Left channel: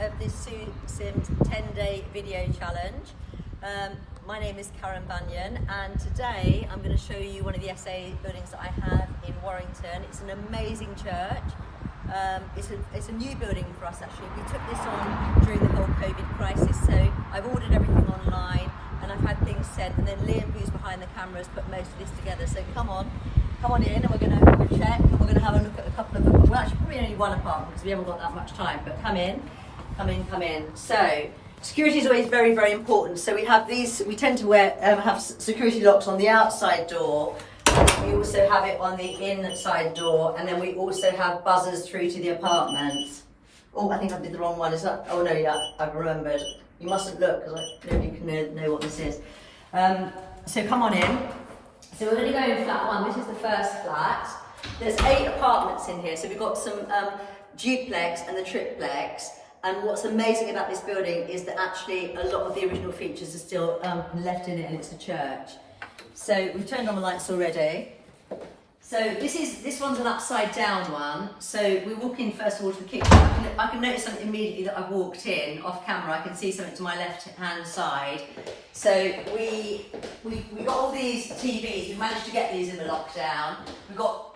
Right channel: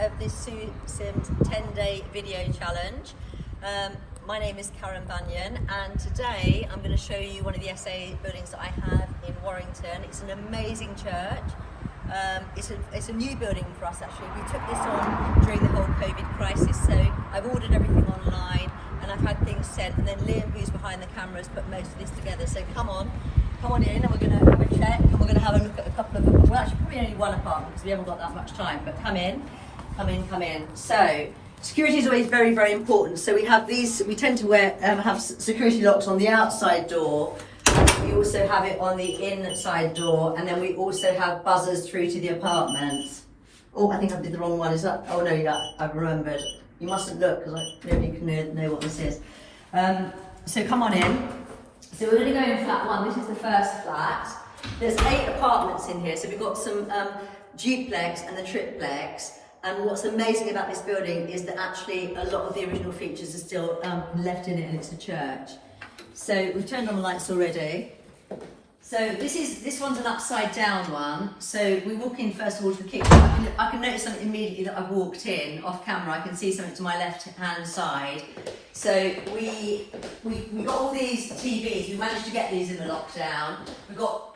of this Sue Sims 10-day video challenge. My name is Karen Banyan, and today I'm going to show you one of the SA buildings that I have in Warrington. It's an amazing church. It's a new building for us actually. We took this on during the whole COVID crisis, so I've ordered everything online and I've had things sent, and then Liam, who's behind the camera, has put most of this together. So come on in, and we're going to have a check, and we're going to have a look at a couple of, well actually probably only one apartment because we haven't got that much time, but come in. So security is always very, very important. So we have these, we tend to have security locks on the outside door. We also have it on the inside door, and then we also have buzzers through to the apartments. Oh, I think I did the wrong one. Is that? Oh no, yeah, I've remembered. You mustn't look because nobody can know what this is. So come on in. So we're going to go in flat one. This is the first flat. There's 8 apartments in here. So we've got some duplex and the triplex. And what's amazing about this building is that actually a lot of the original features are still left in it, and it's a church. So we've turned on the lights already. So this one's an upside down one. So we walk in first of all to the kitchen. I can notice something immediately that I've walked in off camera. I can see something to my left hand side. So we got all these TVs. We managed to get these in the lockdown.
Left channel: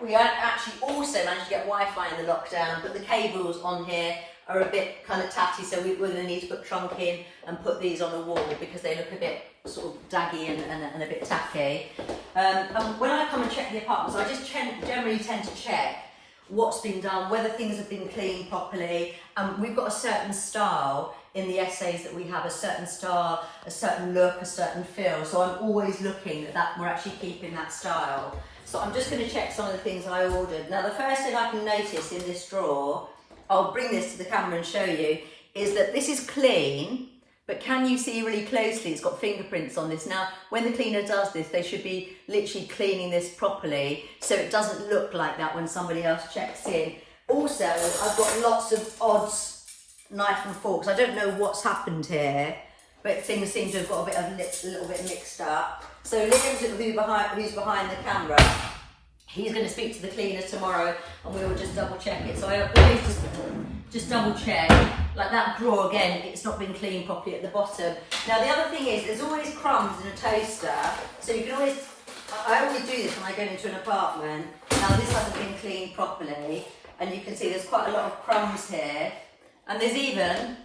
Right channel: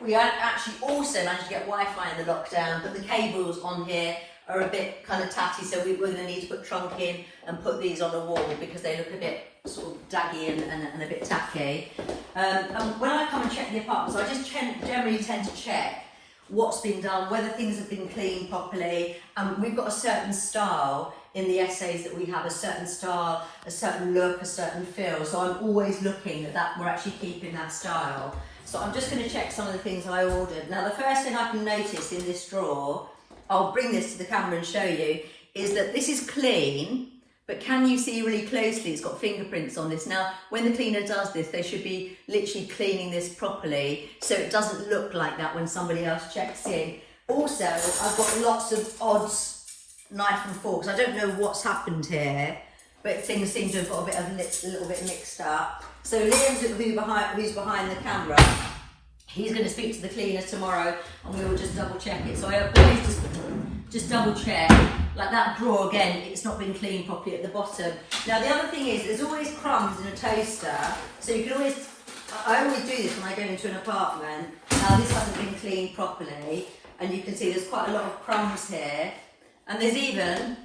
We actually also managed to get Wi-Fi in the lockdown, but the cables on here are a bit kind of tatty, so we're going to need to put trunk in and put these on the wall because they look a bit sort of daggy and a bit tacky. And when I come and check the apartments, I just generally tend to check what's been done, whether things have been cleaned properly. We've got a certain style in the essays that we have, a certain style, a certain look, a certain feel. So I'm always looking that we're actually keeping that style. So I'm just going to check some of the things I ordered. Now the first thing I can notice in this drawer, I'll bring this to the camera and show you, is that this is clean, but can you see really closely? It's got fingerprints on this. Now, when the cleaner does this, they should be literally cleaning this properly so it doesn't look like that when somebody else checks in. Also, I've got lots of odds, knife and forks. I don't know what's happened here, but things seem to have got a little bit mixed up. So Liam's who's behind the camera. He's going to speak to the cleaner tomorrow, and we will just double check it. So I always just double check, like that drawer again, it's not been cleaned properly at the bottom. Now the other thing is, there's always crumbs in a toaster, so you can always, I always do this when I go into an apartment. Now this hasn't been cleaned properly, and you can see there's quite a lot of crumbs here, and there's even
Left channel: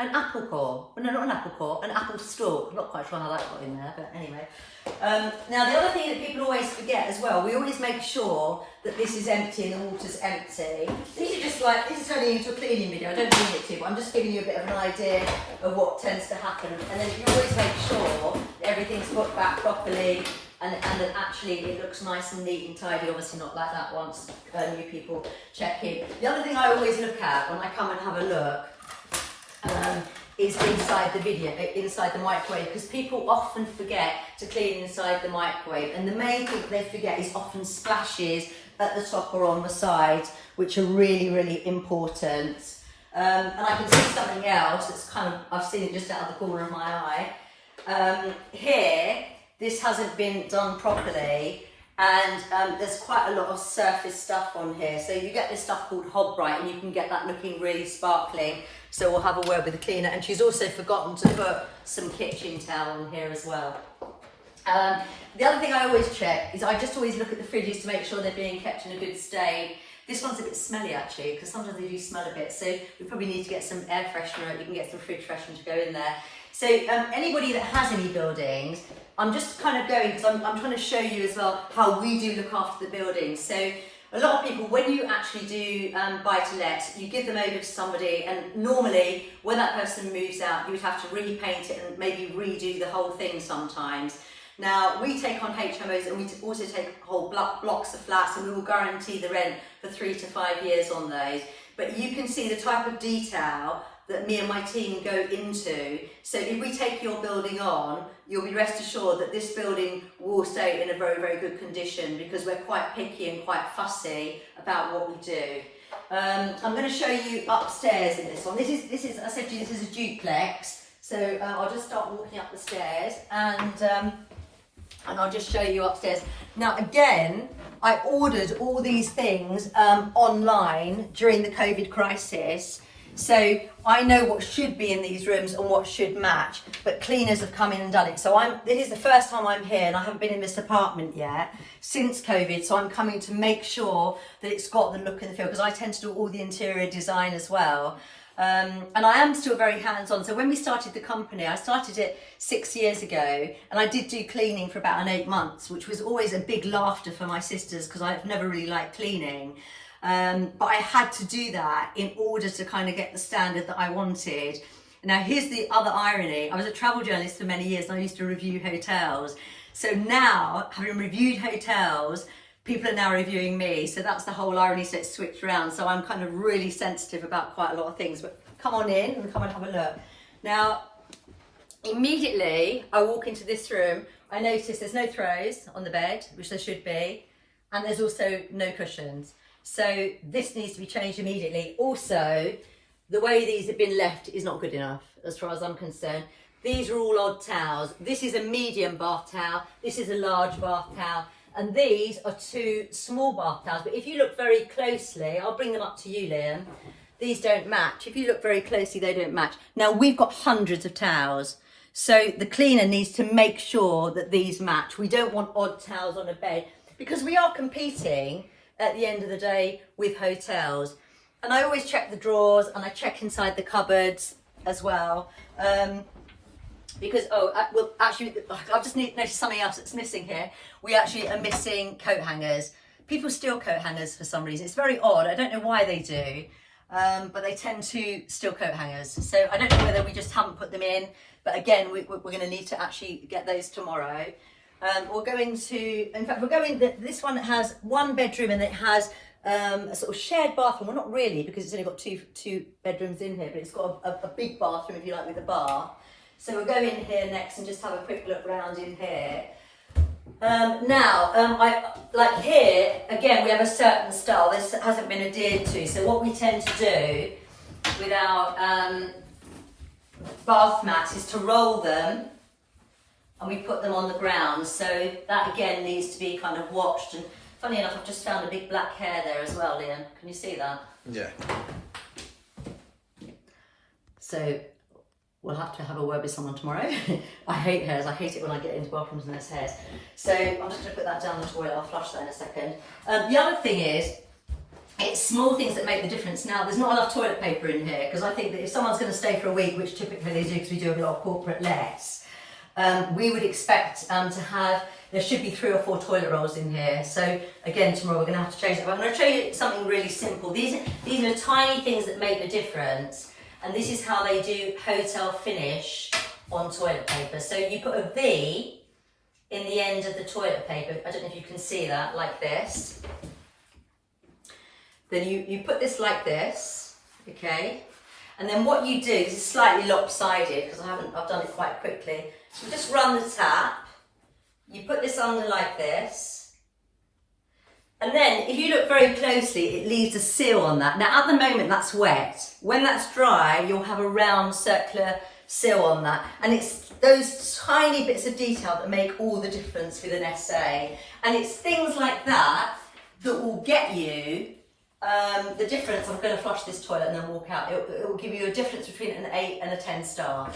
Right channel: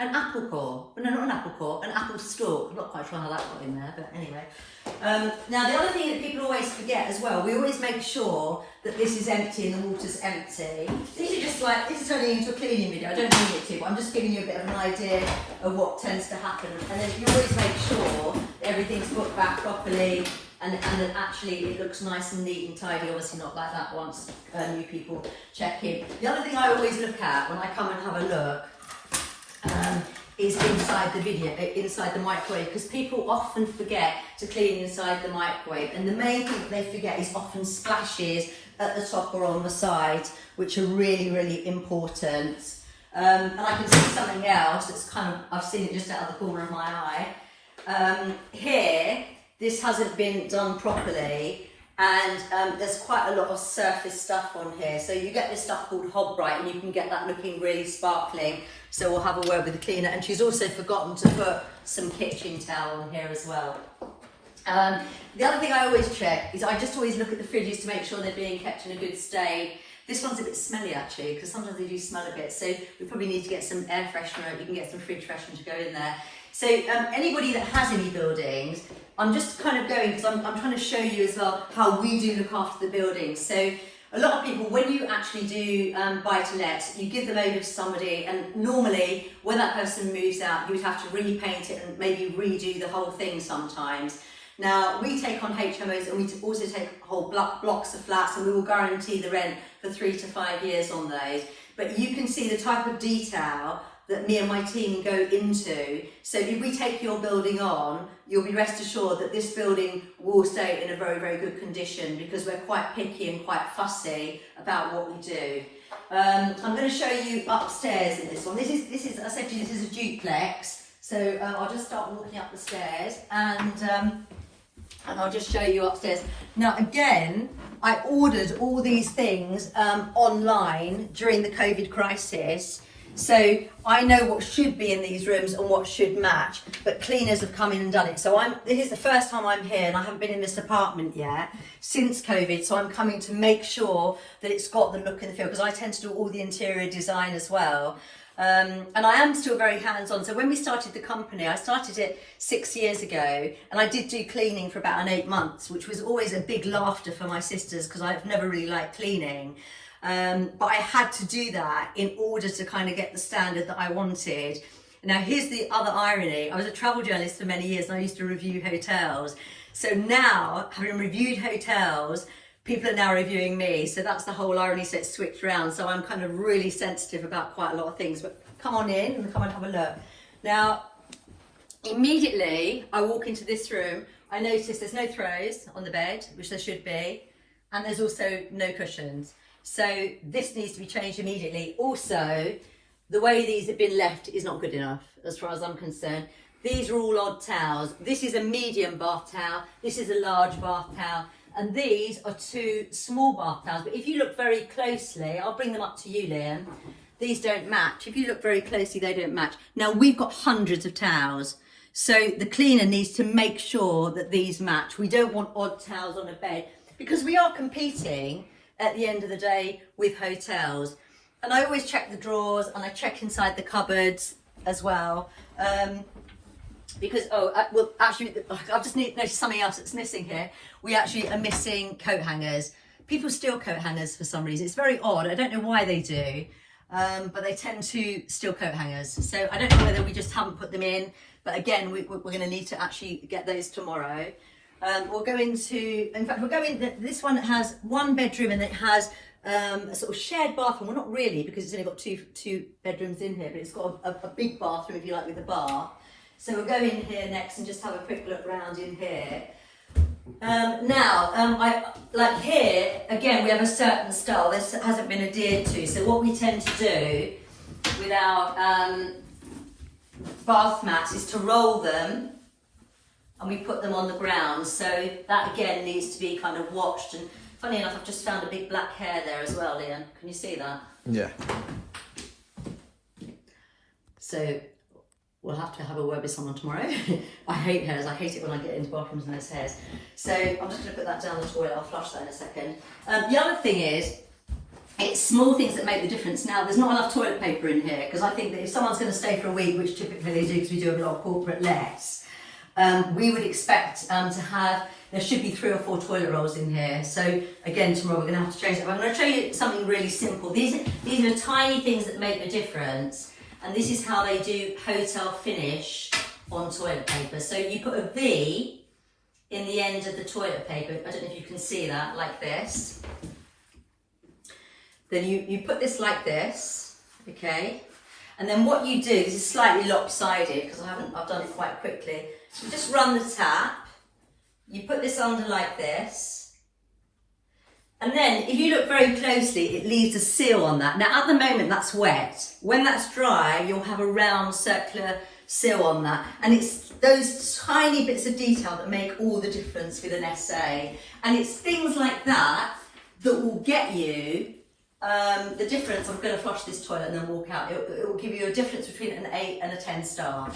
an apple core. Well, no, not an apple core, an apple stalk. I'm not quite sure how that got in there, but anyway. Now the other thing that people always forget as well, we always make sure that this is empty and the water's empty. These are just like, this is turning into a cleaning video, I don't mean it to, but I'm just giving you a bit of an idea of what tends to happen. And then you always make sure everything's put back properly and that actually it looks nice and neat and tidy, obviously not like that once new people check in. The other thing I always look at when I come and have a look is inside the microwave, because people often forget to clean inside the microwave, and the main thing they forget is often splashes at the top or on the sides, which are really, really important. And I can see something else that's kind of, I've seen it just out of the corner of my eye. Here, this hasn't been done properly, and there's quite a lot of surface stuff on here. So you get this stuff called Hob Bright, and you can get that looking really sparkling. So we'll have a word with the cleaner, and she's also forgotten to put some kitchen towel on here as well. The other thing I always check is I just always look at the fridges to make sure they're being kept in a good state. This one's a bit smelly actually, because sometimes they do smell a bit, so we probably need to get some air freshener. You can get some fridge freshener to go in there. So anybody that has any buildings, I'm just kind of going, because I'm trying to show you as well how we do look after the buildings. So a lot of people, when you actually do buy-to-let, you give them over to somebody, and normally when that person moves out, you would have to repaint it and maybe redo the whole thing sometimes. Now, we take on HMOs, and we also take whole blocks of flats, and we will guarantee the rent for 3 to 5 years on those. But you can see the type of detail that me and my team go into. So if we take your building on, you'll be rest assured that this building will stay in a very, very good condition, because we're quite picky and quite fussy about what we do. I'm going to show you upstairs in this one. This is I said to you, this is a duplex. So I'll just start walking up the stairs, and I'll just show you upstairs. Now again, I ordered all these things online during the COVID crisis. So I know what should be in these rooms and what should match, but cleaners have come in and done it. So this is the first time I'm here and I haven't been in this apartment yet since COVID. So I'm coming to make sure that it's got the look and the feel, because I tend to do all the interior design as well. And I am still very hands-on. So when we started the company, I started it 6 years ago, and I did do cleaning for about 8 months, which was always a big laughter for my sisters because I've never really liked cleaning. But I had to do that in order to kind of get the standard that I wanted. Now, here's the other irony. I was a travel journalist for many years and I used to review hotels. So now, having reviewed hotels, people are now reviewing me. So that's the whole irony, so it's switched around. So I'm kind of really sensitive about quite a lot of things. But come on in and come and have a look. Now, immediately I walk into this room, I notice there's no throws on the bed, which there should be. And there's also no cushions. So this needs to be changed immediately. Also, the way these have been left is not good enough, as far as I'm concerned. These are all odd towels. This is a medium bath towel. This is a large bath towel. And these are 2 small bath towels. But if you look very closely, I'll bring them up to you, Liam. These don't match. If you look very closely, they don't match. Now, we've got hundreds of towels. So the cleaner needs to make sure that these match. We don't want odd towels on a bed because we are competing at the end of the day with hotels. And I always check the drawers and I check inside the cupboards as well. Because, well, actually, I've just noticed something else that's missing here. We actually are missing coat hangers. People steal coat hangers for some reason. It's very odd. I don't know why they do, but they tend to steal coat hangers. So I don't know whether we just haven't put them in, but again, we're going to need to actually get those tomorrow. We'll go into, in fact, this one has 1 bedroom and it has a sort of shared bathroom. Well, not really, because it's only got two bedrooms in here, but it's got a big bathroom, if you like, with a bar. So we'll go in here next and just have a quick look around in here. I like here, again, we have a certain style. This hasn't been adhered to. So what we tend to do with our bath mats is to roll them and we put them on the ground. So that again needs to be kind of washed. And funny enough, I've just found a big black hair there as well, Liam. Can you see that? Yeah. So we'll have to have a word with someone tomorrow. I hate hairs. I hate it when I get into bathrooms and there's hairs. So I'm just going to put that down the toilet. I'll flush that in a second. The other thing is, it's small things that make the difference. Now, there's not enough toilet paper in here because I think that if someone's going to stay for a week, which typically they do because we do a lot of corporate less, we would expect to have, there should be 3 or 4 toilet rolls in here. So again, tomorrow we're going to have to change it. But I'm going to show you something really simple. These are tiny things that make the difference. And this is how they do hotel finish on toilet paper. So you put a V in the end of the toilet paper. I don't know if you can see that, like this. Then you put this like this, okay? And then what you do, this is slightly lopsided because I've done it quite quickly. You just run the tap, you put this under like this. And then, if you look very closely, it leaves a seal on that. Now, at the moment, that's wet. When that's dry, you'll have a round circular seal on that. And it's those tiny bits of detail that make all the difference with an essay. And it's things like that that will get you the difference. I'm going to flush this toilet and then walk out. It will give you a difference between an 8 and a 10 star.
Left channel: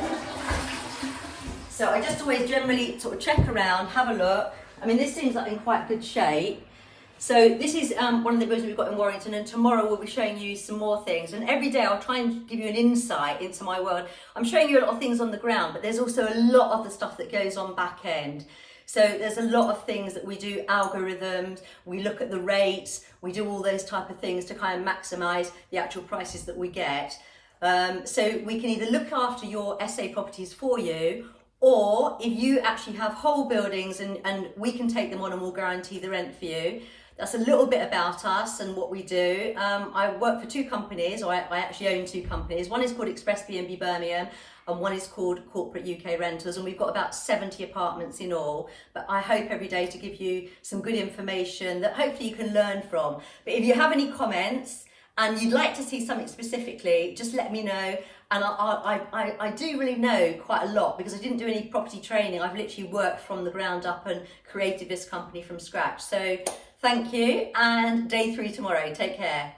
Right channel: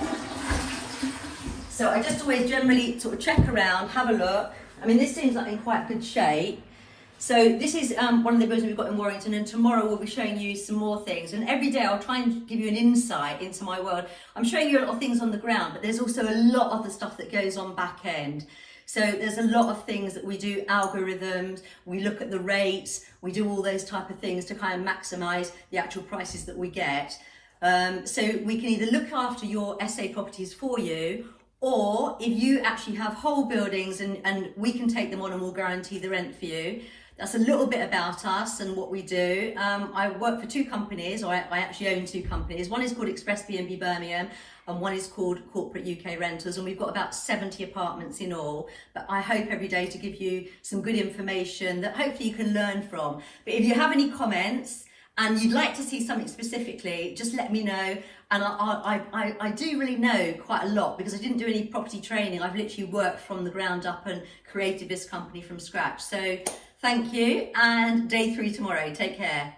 So I just always generally sort of check around, have a look. I mean, this seems like in quite good shape. So this is one of the buildings we've got in Warrington, and tomorrow we'll be showing you some more things. And every day I'll try and give you an insight into my world. I'm showing you a lot of things on the ground, but there's also a lot of the stuff that goes on back end. So there's a lot of things that we do, algorithms, we look at the rates, we do all those type of things to kind of maximise the actual prices that we get. So we can either look after your SA properties for you, or if you actually have whole buildings and we can take them on and we'll guarantee the rent for you. That's a little bit about us and what we do. I work for 2 companies, or I actually own 2 companies. One is called Express B&B Birmingham, and one is called Corporate UK Rentals, and we've got about 70 apartments in all. But I hope every day to give you some good information that hopefully you can learn from. But if you have any comments and you'd like to see something specifically, just let me know. And I do really know quite a lot because I didn't do any property training. I've literally worked from the ground up and created this company from scratch. So thank you, and day 3 tomorrow. Take care.